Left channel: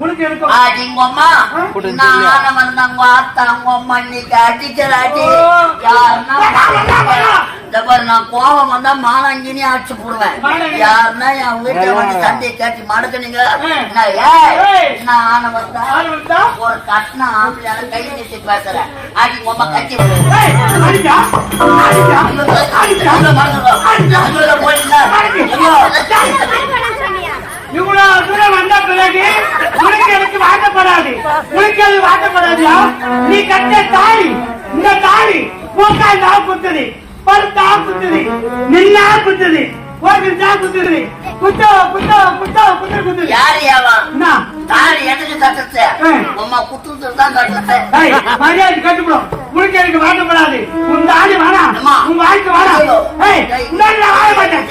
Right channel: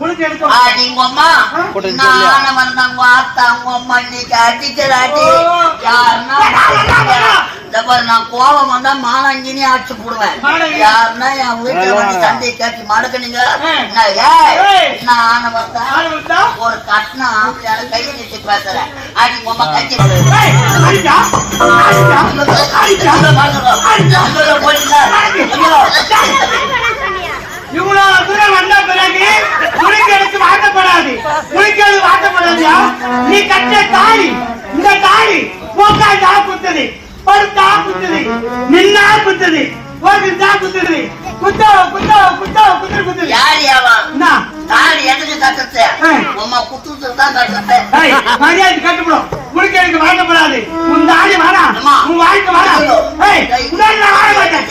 உனக்கு எடுக்க நீங்க அம்மா நான் வந்தாங்க வாத்தாங்க அம்மா இன்னைக்கு அடிச்சலாட்டி நான் கோபம் வந்தா மானாங்கினே அடிச்சு போடுவேன். யாருன்னா என் வீட்டுல வந்து சண்டையை கேட்டு மடக்குனீங்க நான் வந்தா ஒரு கட்டின ஆம்பளையால கை நிறுத்தி பேசுறேன். அடி அம்மா கட்சி இவ்வளவு தூரம் வந்த பிறகு உனக்கு எனக்கு வாட்டப்படாது. உனக்கு அது வாட்டப்படாதியா? நீ கட்ட தாலி, இந்த தாலி போக்காய் தான் குத்துது, படுத்தா குத்துது, நின்னா குத்துது, போக்கிட்டா குத்துது, குத்தா குத்தா குத்தா குத்துற குத்துது. யாரியாவா தாலி எதுக்கு கட்டுறது? அம்மா குத்துறது தான் கட்டுறது. மரியாதை கட்டுப்படும். உனக்கு எனக்கு வாட்டப்படாது. உன் தாலி வேணாம், உன் வாழ்க்கை வேணாம். வாழ மாட்டேன்.